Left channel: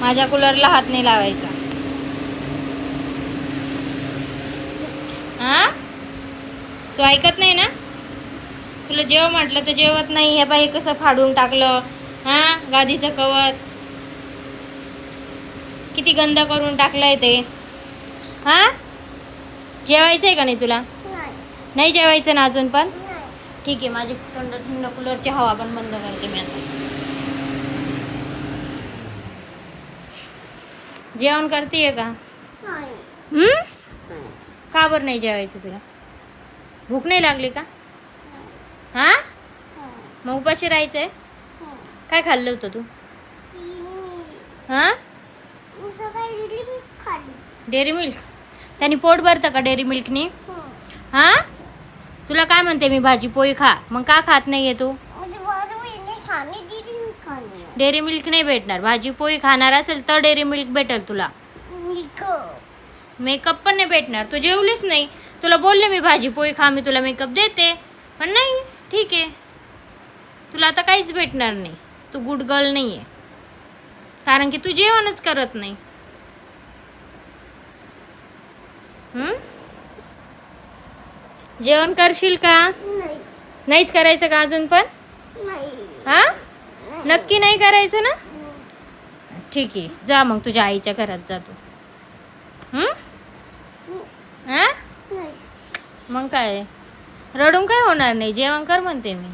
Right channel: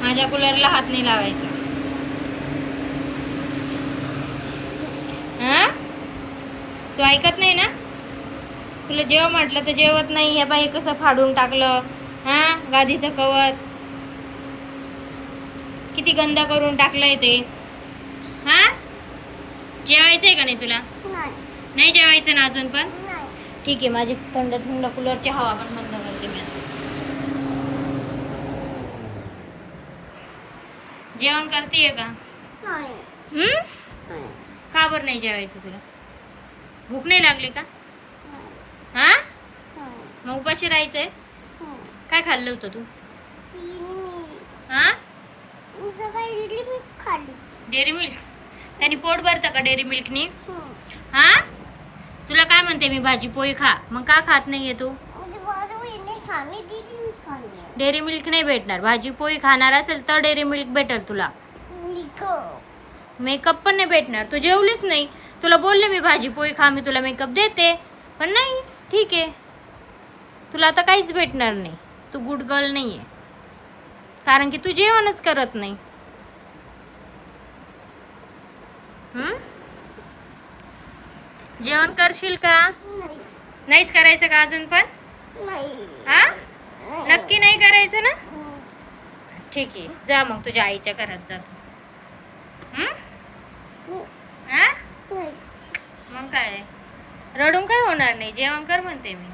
माझ्या कूलरला हात नाही लावायचा. हा, तू ऐकत नाही ना? तुला जेव म्हटलं तर जेवत नाही. हे बाई कसं फाडून टाकलं. हा, गादीचं कवर किती गंद करून टाकलंय ते. हा, जेवायचंय का नाही तुला? नाही जेवायचं ना अजून पण? ठीक आहे, माझी थंड थंड कूलरची हवा पण बंद करते मी आता. जेवण करतेय का? का बरं नाही जेवायचं तुला? भूक नाही लागली का? हा, मग उपाशी राहायचंय. काय खाल्लं होतं तू? हा, डेअरी मिल्क. त्यांनी पोट भरतं का डेअरी मिल्कनी? हा, तुला काय म्हणते मी भाजी पोळी खा, मग का खात नाहीये तू? डेअरी मिल्क नाही भेटणार. भाजी पोळी खाणार असेल तर डेअरी मिल्क भेटेल तुला. मेकअप पण नाही भेटणार. तू जेवलीच नाही. तुला बोलले मी भाजी पोळी खा, मी तुला मेकअप देते, पण नाही. ठीक आहे, तुला आता काहीच भेटणार नाही. तू गुड गर्ल नाही आहे, कारण की तू जेवणच करत नाही. जेवण करशील का? नाहीच करायचं का अजून पण? हा, नक्की नाही करायचं ना? ठीक आहे, जा मग तुझ्या आईच्या घरात जा तू. हा, मग काय, रडून काय होणार नाही. जेवण कर म्हणते मी.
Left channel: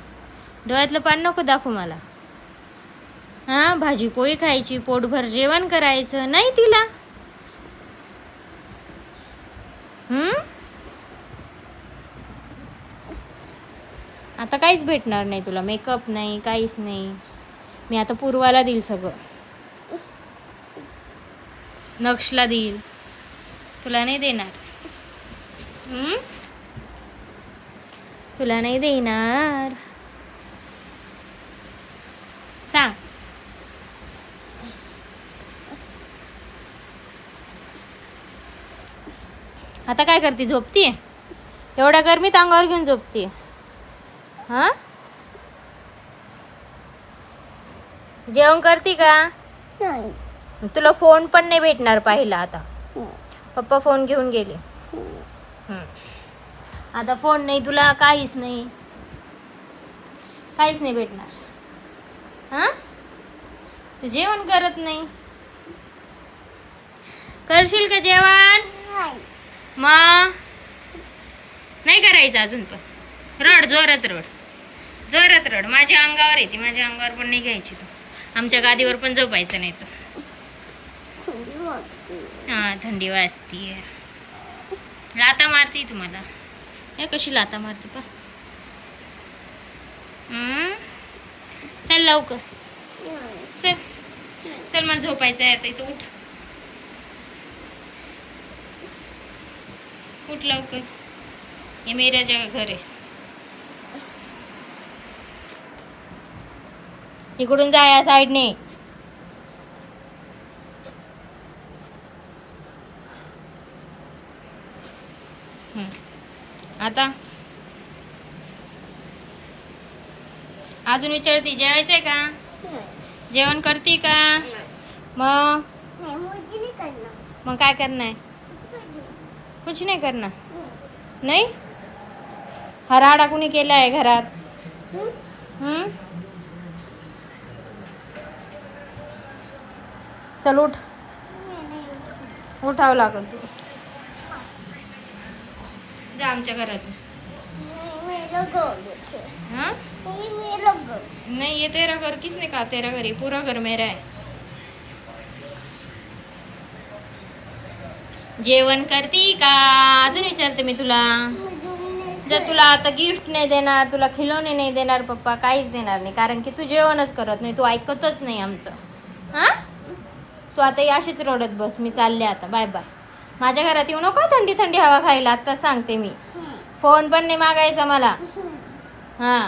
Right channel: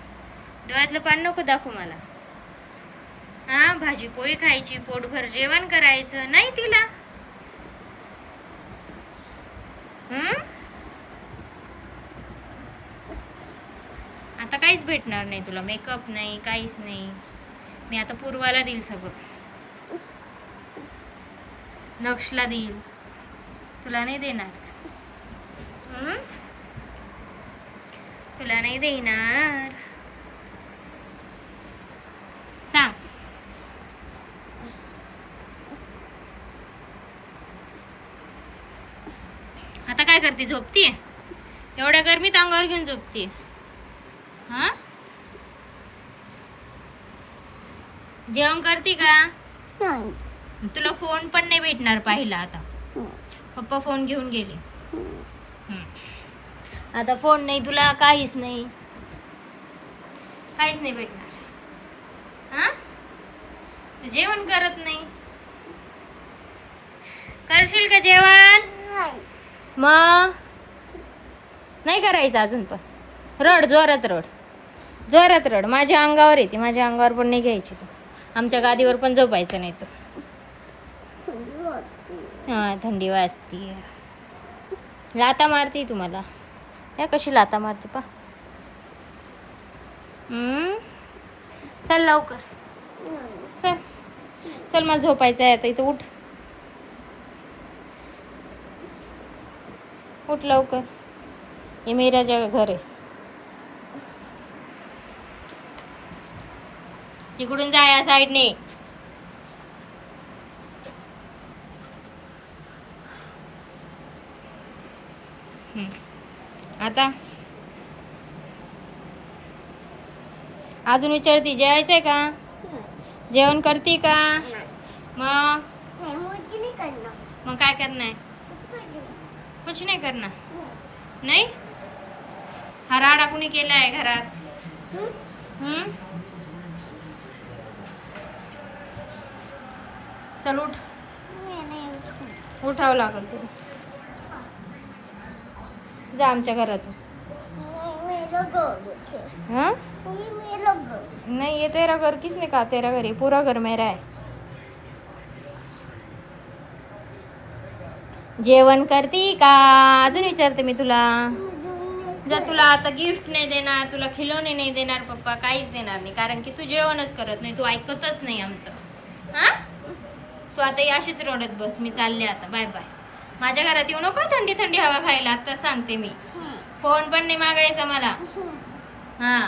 डोळ्यातलं पान नको दाखवू मला. हा, भाजी पोळी खायची, पोटभर जेवण करायचं नाही तिला. आता काहीच भेटणार नाही तुला. मेकअप नाही, काहीच नाही. मी आता पूर्वाला देईल सगळं. नक्षला देईल, तुला नाही देणार. तुला नाही देणार. सांग. आता काय करते? झोपतीये? एवढ्या गरमीत अंगावर घेऊन झोपतीये? हा, जेवण करते का? तुला फोन पण नाही भेटणार पाहिला आता. पप्पा फोन घेऊन गेले. आता फोन नाही तुला, काहीच नाही. काहीच नाही भेटणार. हा, तू जेवण करत नाही. करशील का जेवण? मग नाही करायचं अजून पण. रड, जोरात रड, जोरात रड. माझ्या अंगावर येते. माझ्या अंगावर पण नाही घ्यायची तू. आमच्या गादीवर पण झोपायचं नाही तू. हा, थंडी वाजतीये. लाता मारती तुम्हाला. या कशी लाता मारते पा. चल लवकर, चल चल, मला झोपायचं आहे आता. इथं उठ, उठ लवकर. हे मीराच्या घर आहे. इकडून जा या साईडने. आता अजून विचारती जेवायचंय का? जेवण करते का? मग काय करणार? कुछ नाही करणार. नाही, हा राडा कुणी केलाय घरात? चल उठ, उठावं लागल तू. जा आमच्या घरातून. हाँ, नहीं, ये तेरा घर किसने कहा? तेरा घर, ये पूरा घर मेरा है. जेवण करती का? अजून विचारते मी तुला. जर तुला आता गिफ्ट नाही देणार, तुला खिलौने नाही देणार पप्पा, काहीच देणार नाही, कारण की तू जेवणच करत नाही. तू ऐकतच नाही आमचं. हा, तू आता अशीच रडत बस. मी चालले आता. Bye bye. माझ्या घरात येऊ नको थंडी थंडी हवा खायला. आता सांगते मी. फोन पण नाही मागायचा मला. हा.